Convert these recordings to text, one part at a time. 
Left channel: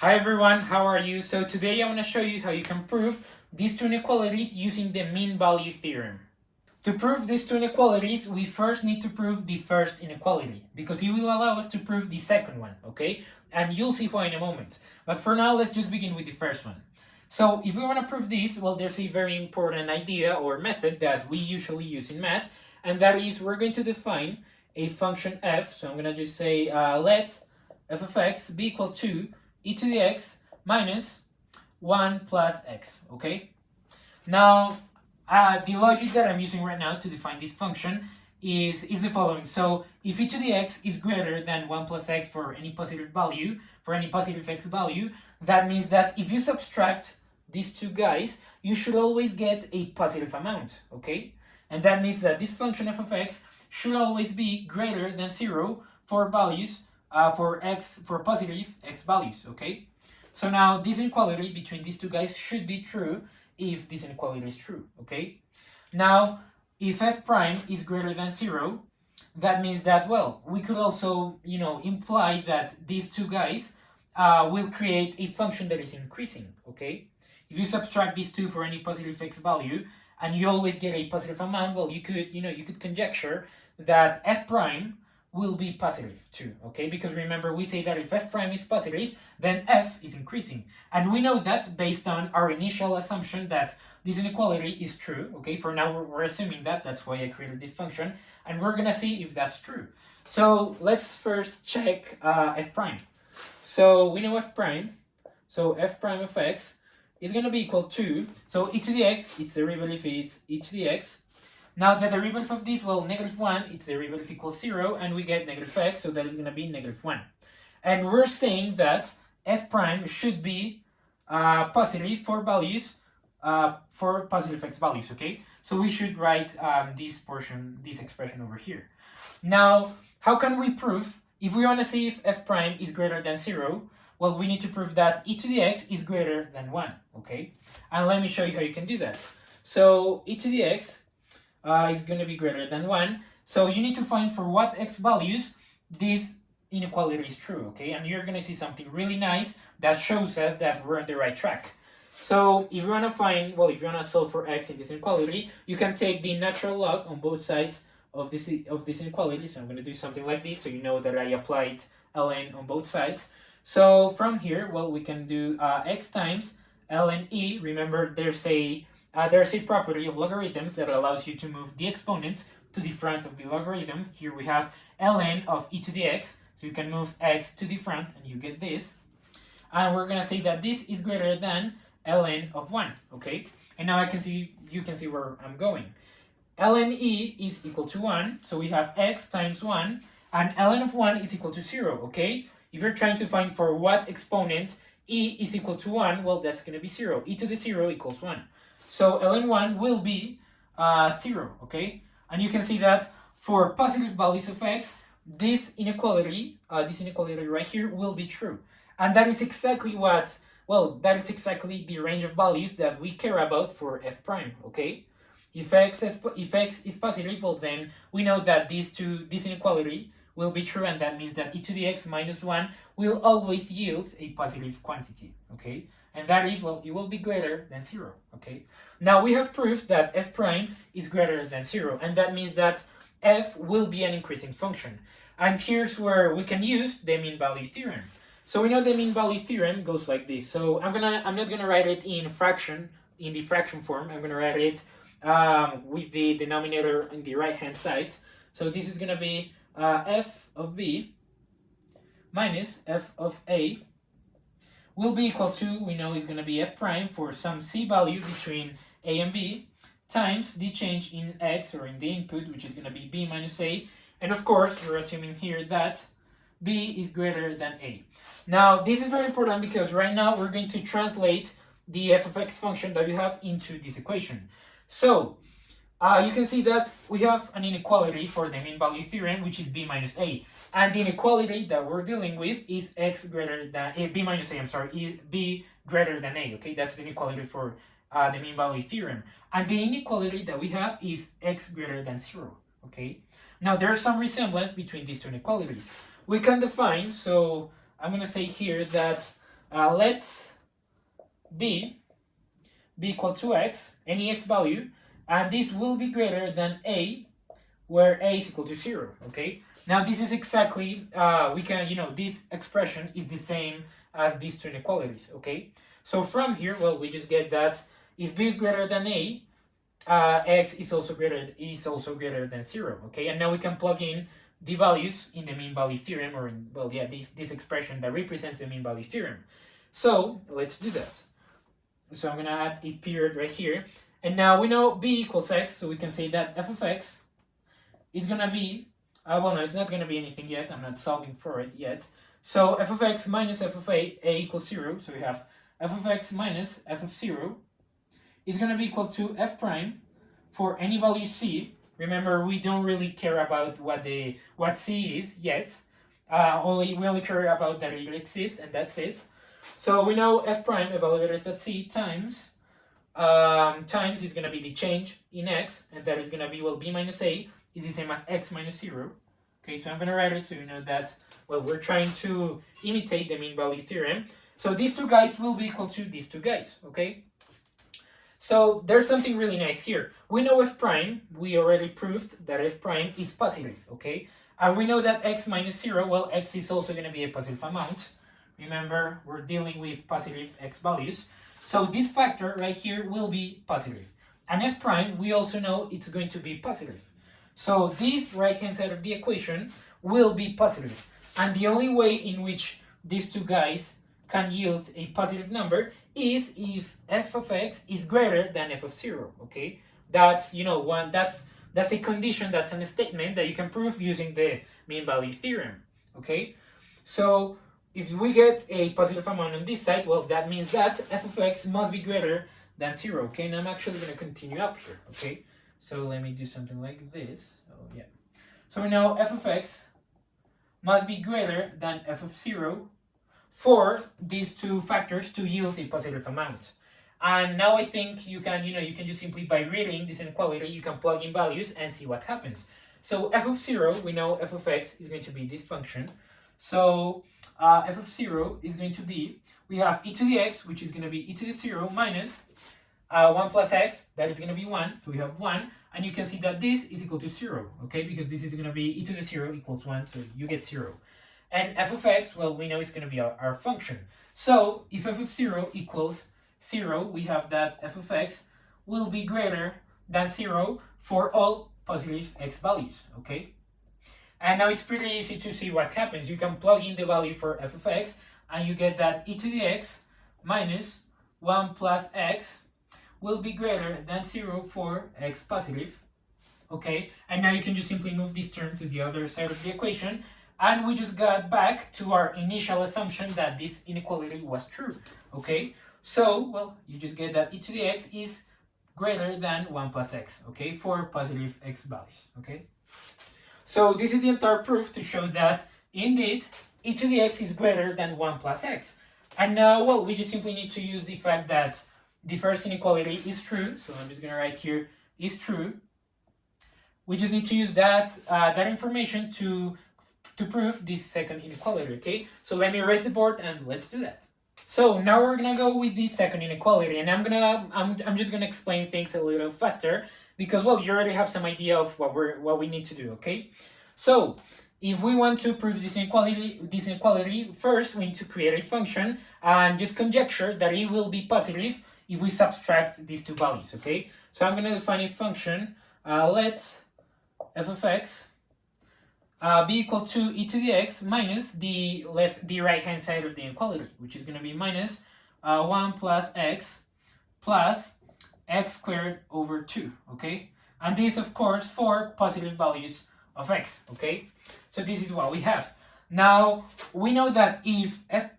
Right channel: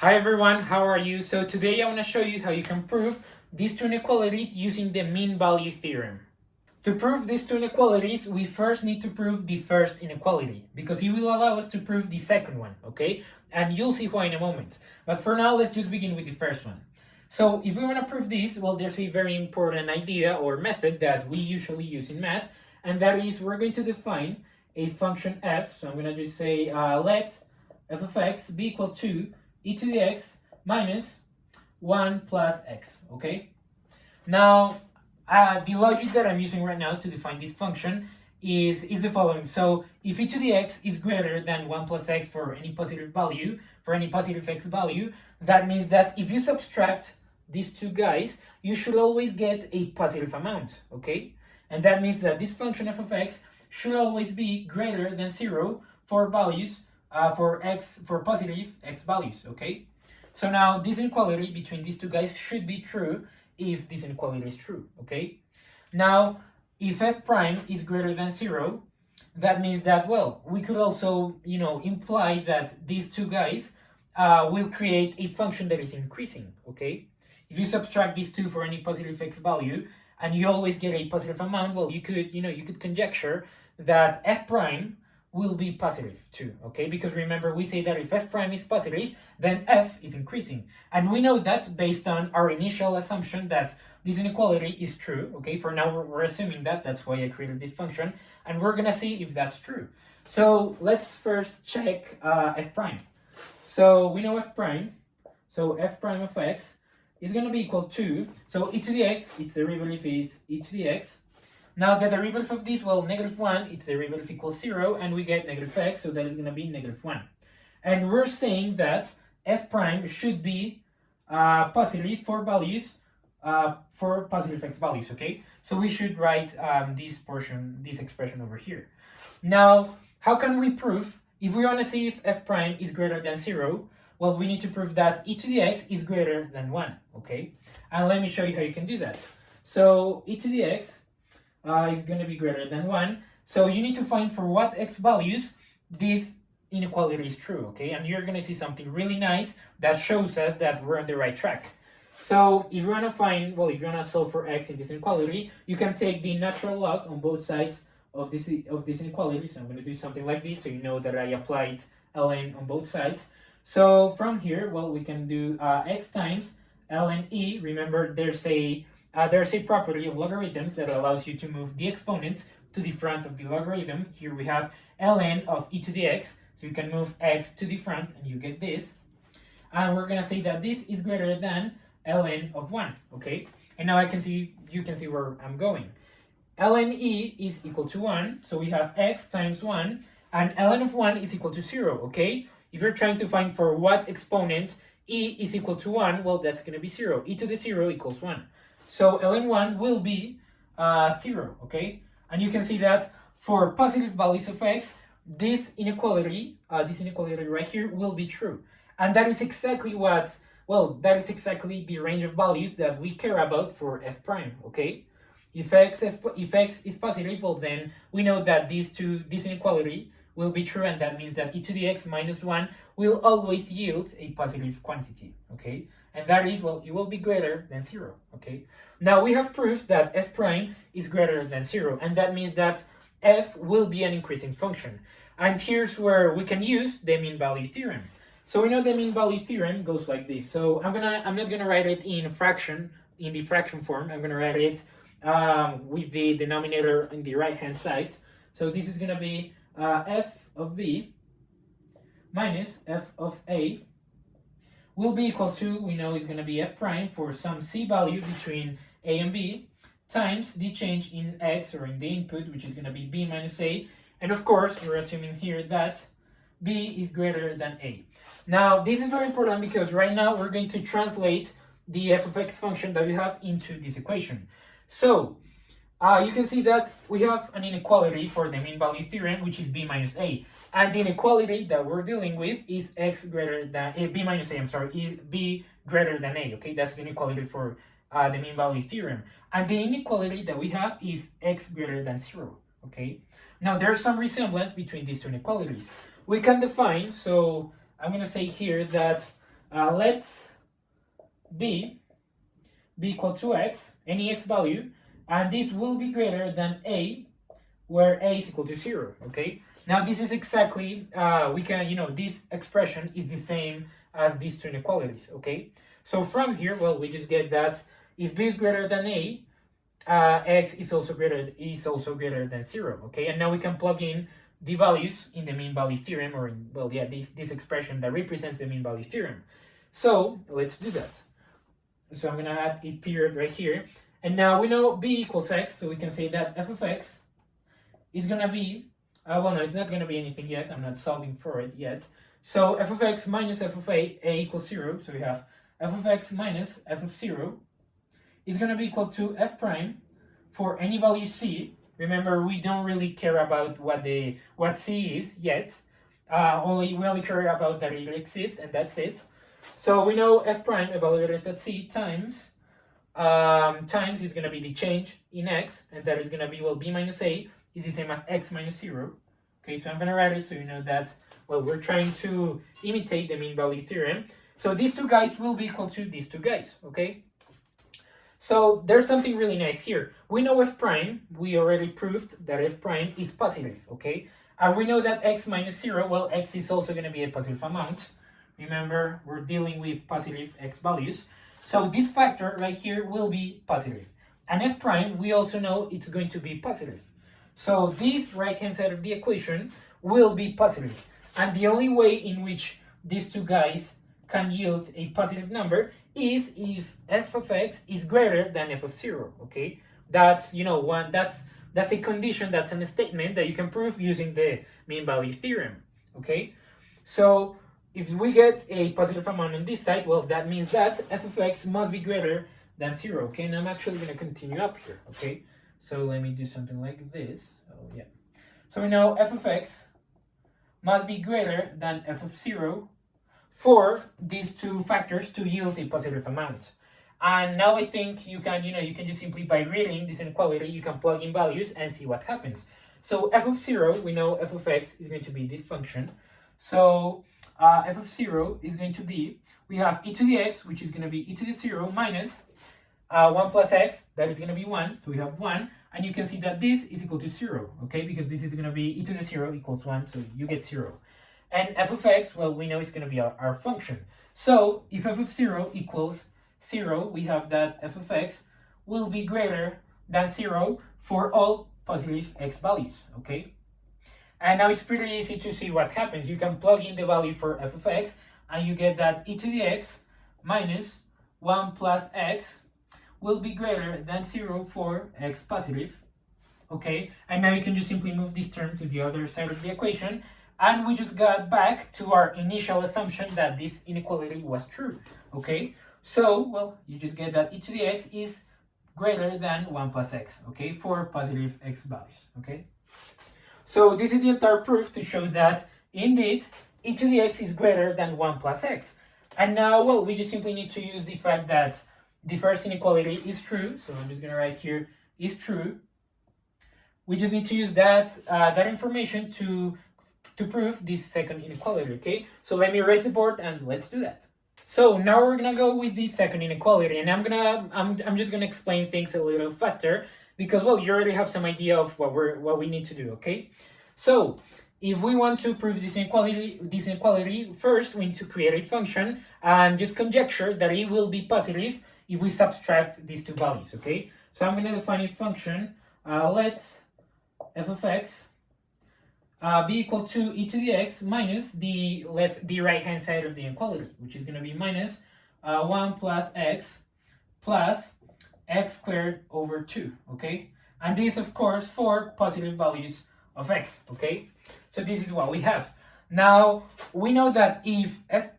Hi everyone, how are you? So today I want to show you how you can prove these two inequalities using the mean value theorem. To prove these two inequalities, we first need to prove the first inequality because it will allow us to prove the second one, okay? And you'll see why in a moment. But for now, let's just begin with the first one. So if we want to prove this, well, there's a very important idea or method that we usually use in math, and that is we're going to define a function f. So I'm going to just say let f of x be equal to e to the x minus 1 plus x, okay? Now, the logic that I'm using right now to define this function is the following. So if e to the x is greater than 1 plus x for any positive value, for any positive x value, that means that if you subtract these two guys, you should always get a positive amount, okay? And that means that this function f of x should always be greater than 0 for values, for positive x values, okay? So now this inequality between these two guys should be true if this inequality is true, okay? Now, if f prime is greater than 0, that means that, well, we could also, imply that these two guys will create a function that is increasing, okay? If you subtract these two for any positive x value, and you always get a positive amount, well, you could conjecture that f prime will be positive too, okay? Because remember, we say that if f prime is positive, then f is increasing. And we know that based on our initial assumption that this inequality is true, okay? For now, we're assuming that. That's why I created this function. And we're going to see if that's true. So let's first check f prime. So we know f prime. So f prime of x is going to be equal to, so e to the x, its derivative is e to the x. Now the derivative of this, well, -1, its derivative equals 0, and we get negative x, so that is going to be -1. And we're saying that f prime should be positive for values, for positive x values, okay? So we should write this expression over here. Now, how can we prove, if we want to see if f prime is greater than 0, well, we need to prove that e to the x is greater than 1, okay? And let me show you how you can do that. So e to the x is going to be greater than 1. So you need to find for what x values this inequality is true, okay? And you're going to see something really nice that shows us that we're on the right track. So if you want to find, well, if you want to solve for x in this inequality, you can take the natural log on both sides of this inequality. So I'm going to do something like this so you know that I applied ln on both sides. So from here, well, we can do x times ln e. Remember, there's a property of logarithms that allows you to move the exponent to the front of the logarithm. Here we have ln of e to the x, so you can move x to the front and you get this. And we're going to say that this is greater than ln of 1, okay? And now you can see where I'm going. ln e is equal to 1, so we have x times 1, and ln of 1 is equal to 0, okay? If you're trying to find for what exponent e is equal to 1, well, that's going to be 0. E to the 0 equals 1. So ln 1 will be 0, okay? And you can see that for positive values of x, this inequality right here will be true. And that is exactly the range of values that we care about for f prime, okay? If x is positive, well, then we know that this inequality will be true, and that means that e to the x minus 1 will always yield a positive quantity, okay? And that is, well, it will be greater than 0, okay? Now we have proof that f prime is greater than 0, and that means that f will be an increasing function. And here's where we can use the mean value theorem. So we know the mean value theorem goes like this. So I'm not gonna write it in the fraction form. I'm gonna write it with the denominator on the right hand side. So this is gonna be f of b minus f of a will be equal to, we know is going to be f prime for some c value between a and b times the change in x, or in the input, which is going to be b minus a. And of course, we're assuming here that b is greater than a. Now, this is very important because right now we're going to translate the f of x function that we have into this equation. So you can see that we have an inequality for the mean value theorem, which is b minus a. And the inequality that we're dealing with is x greater than b minus a, is b greater than a, okay? That's the inequality for the mean value theorem. And the inequality that we have is x greater than 0, okay? Now, there's some resemblance between these two inequalities. We can define, so I'm going to say here that let b be equal to x, any x value, and this will be greater than a, where a is equal to 0, okay? Now this is exactly, we can, this expression is the same as these two inequalities, okay? So from here, well, we just get that if b is greater than a, x is also greater than 0, okay? And now we can plug in the values in the mean value theorem, or in, well, yeah, this expression that represents the mean value theorem. So let's do that. So I'm gonna add a period right here, and now we know b equals x, so we can say that f of x is gonna be, well, no, it's not gonna be anything yet. I'm not solving for it yet. So f of x minus f of a equals 0. So we have f of x minus f of 0 is gonna be equal to f prime for any value c. Remember, we don't really care about what c is yet. We only care about that it exists, and that's it. So we know f prime evaluated at c times is going to be the change in x, and that is going to be, well, b minus a is the same as x minus 0. Okay, so I'm going to write it so you know that, well, we're trying to imitate the mean value theorem. So these two guys will be equal to these two guys, okay? So there's something really nice here. We know f prime, we already proved that f prime is positive, okay? And we know that x minus 0, well, x is also going to be a positive amount. Remember, we're dealing with positive x values. So this factor right here will be positive. And f prime, we also know it's going to be positive. So this right-hand side of the equation will be positive. And the only way in which these two guys can yield a positive number is if f of x is greater than f of 0, okay? That's, that's a condition, that's a statement that you can prove using the mean value theorem, okay? So if we get a positive amount on this side, well, that means that f of x must be greater than 0, okay? And I'm actually going to continue up here, okay? So let me do something like this. So yeah. So we know f of x must be greater than f of 0 for these two factors to yield a positive amount. And now I think you can, you can just simply, by reading this inequality, you can plug in values and see what happens. So f of 0, we know f of x is going to be this function. So f of 0 is going to be, we have e to the x, which is going to be e to the 0 minus 1 plus x, that is going to be 1. So we have 1, and you can see that this is equal to 0, okay? Because this is going to be e to the 0 equals 1, so you get 0. And f of x, well, we know it's going to be our function. So if f of 0 equals 0, we have that f of x will be greater than 0 for all positive x values, okay? And now it's pretty easy to see what happens. You can plug in the value for f of x, and you get that e to the x minus 1 plus x will be greater than 0 for x positive, okay? And now you can just simply move this term to the other side of the equation, and we just got back to our initial assumption that this inequality was true, okay? So, well, you just get that e to the x is greater than 1 plus x, okay, for positive x values, okay? So this is the entire proof to show that, indeed, e to the x is greater than 1 plus x. And now, well, we just simply need to use the fact that the first inequality is true. So I'm just going to write here, is true. We just need to use that information to prove this second inequality, okay? So let me erase the board and let's do that. So now we're gonna go with the second inequality, and I'm just gonna explain things a little faster because, well, you already have some idea of what we need to do, okay? So if we want to prove this inequality, first we need to create a function and just conjecture that it will be positive if we subtract these two values, okay? So I'm gonna define a function. Let f of x be equal to e to the x minus the right hand side of the inequality, which is going to be minus 1 plus x squared over 2, okay? And this, of course, for positive values of x, okay? So this is what we have. Now, we know that if f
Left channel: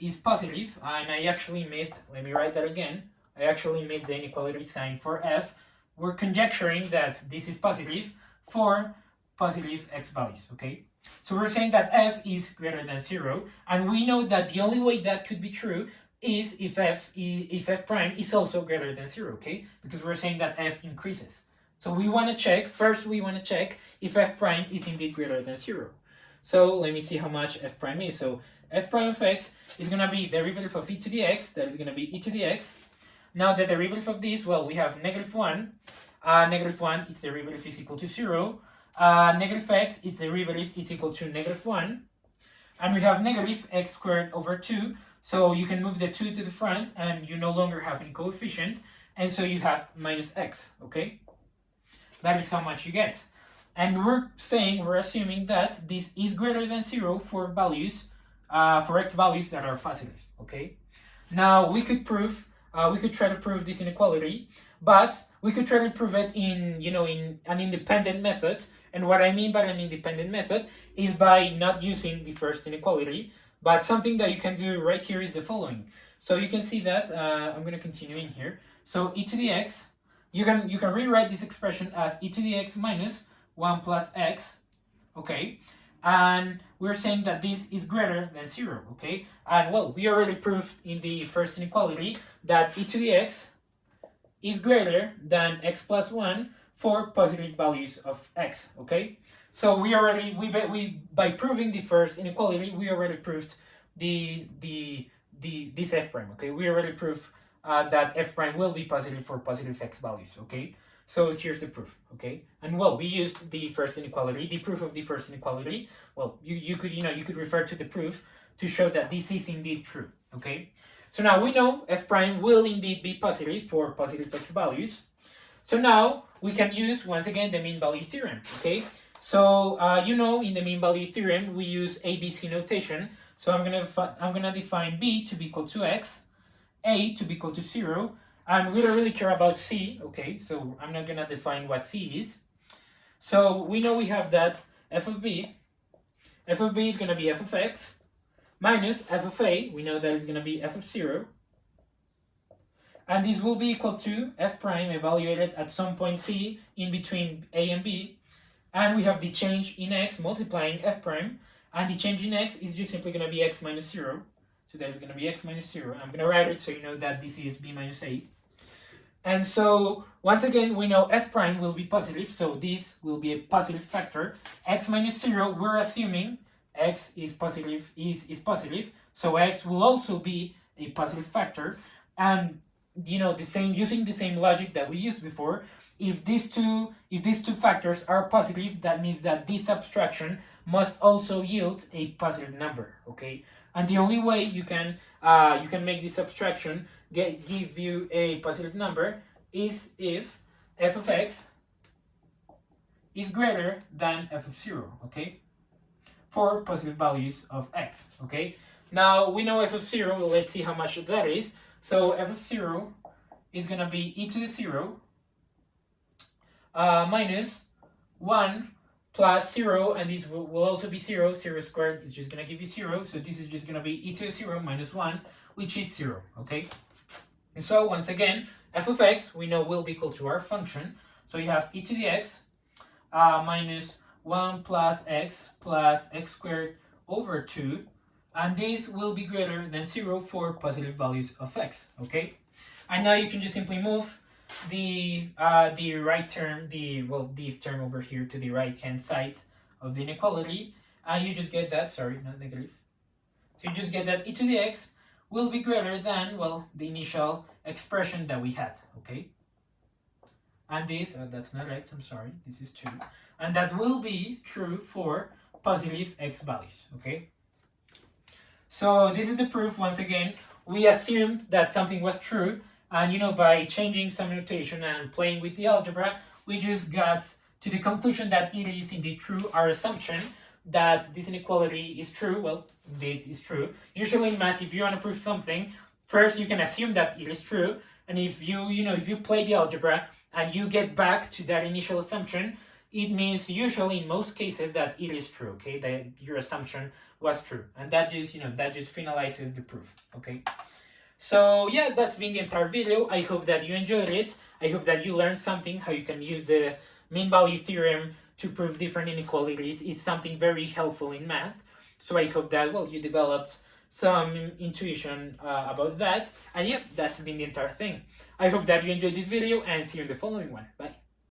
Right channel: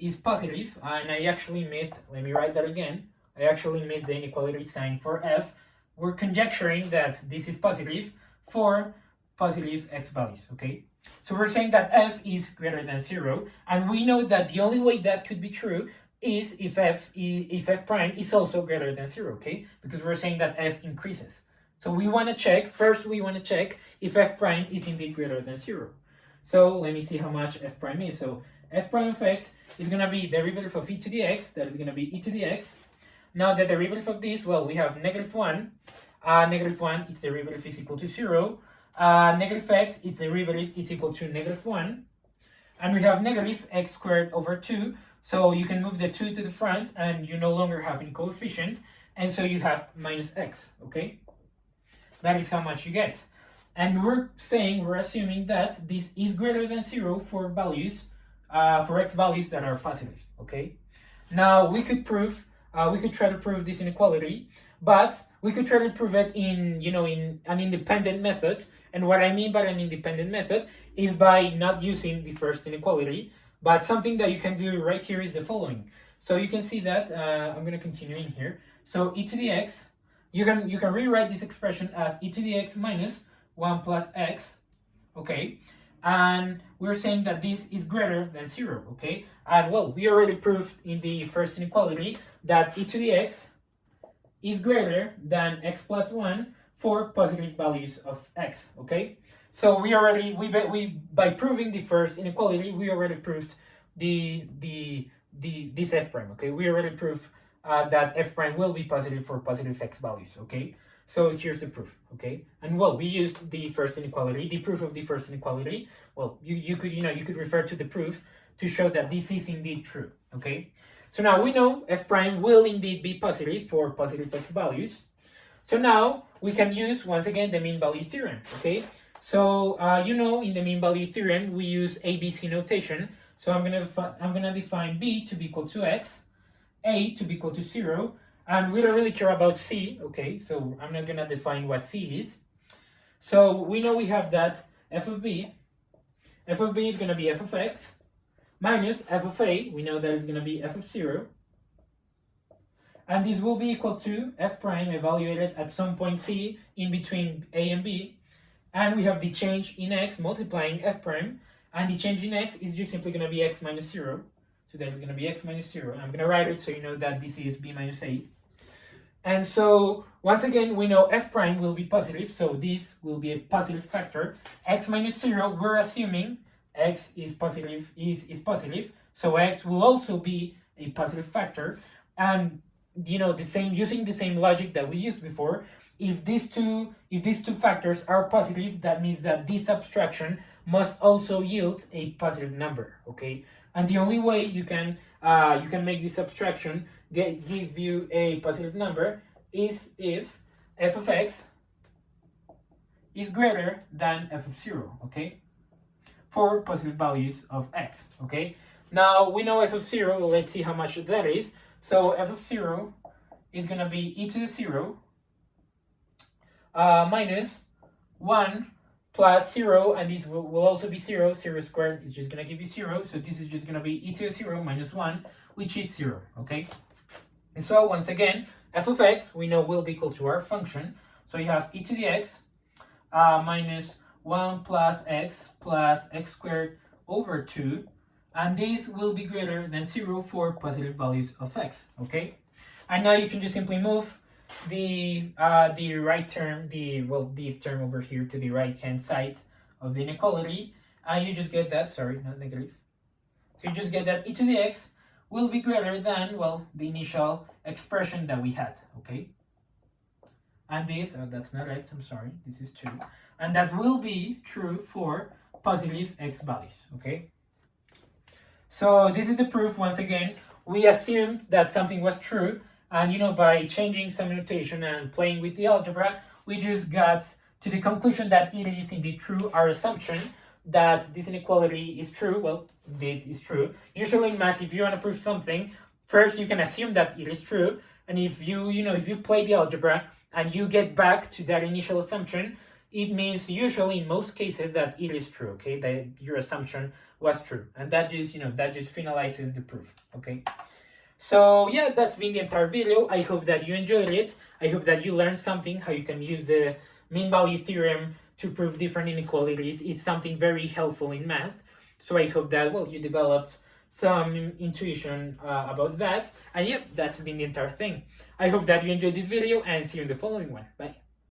is positive, and I actually missed, let me write that again, I actually missed the inequality sign for f, we're conjecturing that this is positive for positive x values, okay? So we're saying that f is greater than 0, and we know that the only way that could be true is if f prime is also greater than 0, okay? Because we're saying that f increases. So we want to check, first we want to check if f prime is indeed greater than 0. So let me see how much f prime is. So f prime of x is going to be derivative of e to the x, that is going to be e to the x. Now the derivative of this, well, we have -1. -1, its derivative is equal to 0. Negative x, its derivative is equal to -1. And we have negative x squared over 2. So you can move the 2 to the front and you no longer have any coefficient. And so you have minus x, okay? That is how much you get. And we're assuming that this is greater than 0 for values, for x values that are positive, okay? Now we could try to prove this inequality, but we could try to prove it in an independent method. And what I mean by an independent method is by not using the first inequality, but something that you can do right here is the following. So you can see that, I'm going to continue in here. So e to the x, you can rewrite this expression as e to the x minus 1 plus x, okay? And we're saying that this is greater than 0, okay? And well, we already proved in the first inequality that e to the x is greater than x plus 1 for positive values of x, okay? So by proving the first inequality, we already proved this f prime, okay? We already proved that f prime will be positive for positive x values, okay? So here's the proof, okay? And well, we used the first inequality, the proof of the first inequality. Well, you could refer to the proof to show that this is indeed true, okay? So now we know f prime will indeed be positive for positive x values. So now we can use once again the mean value theorem, okay? So in the mean value theorem we use ABC notation. So I'm gonna define b to be equal to x, a to be equal to 0, and we don't really care about c, okay? So I'm not gonna define what c is. So we know we have that f of b is gonna be f of x minus f of a, we know that is gonna be f of 0. And this will be equal to f prime evaluated at some point c in between a and b. And we have the change in x multiplying f prime. And the change in x is just simply going to be x minus 0. So that is going to be x minus 0. I'm going to write it so you know that this is b minus a. And so once again, we know f prime will be positive. So this will be a positive factor. X minus 0, we're assuming x is positive, is positive. So x will also be a positive factor. And using the same logic that we used before, if these two factors are positive, that means that this subtraction must also yield a positive number, okay? And the only way you can make this subtraction give you a positive number is if f of x is greater than f of 0, okay? For positive values of x, okay? Now we know f of 0, let's see how much that is. So f of 0 is going to be e to the 0 minus 1 plus 0, and this will also be 0. 0 squared is just going to give you 0. So this is just going to be e to the 0 minus 1, which is 0, okay? And so once again, f of x, we know will be equal to our function. So you have e to the x minus 1 plus x squared over 2. And this will be greater than 0 for positive values of x, okay? And now you can just simply move the right term, this term over here to the right hand side of the inequality, and you just get that, sorry, not negative. So you just get that e to the x will be greater than, well, the initial expression that we had, okay? And this, that's not x, I'm sorry, this is 2. And that will be true for positive x values, okay? So this is the proof. Once again, we assumed that something was true, and by changing some notation and playing with the algebra, we just got to the conclusion that it is indeed true. Our assumption that this inequality is true, well, indeed is true. Usually in math, if you want to prove something, first you can assume that it is true, and if you play the algebra and you get back to that initial assumption, it means usually in most cases that it is true, okay, that your assumption was true, and that just finalizes the proof, okay? So yeah, that's been the entire video. I hope that you enjoyed it. I hope that you learned something, how you can use the mean value theorem to prove different inequalities. It's something very helpful in math. So I hope that, well, you developed some intuition about that. And yeah, that's been the entire thing. I hope that you enjoyed this video and see you in the following one. Bye.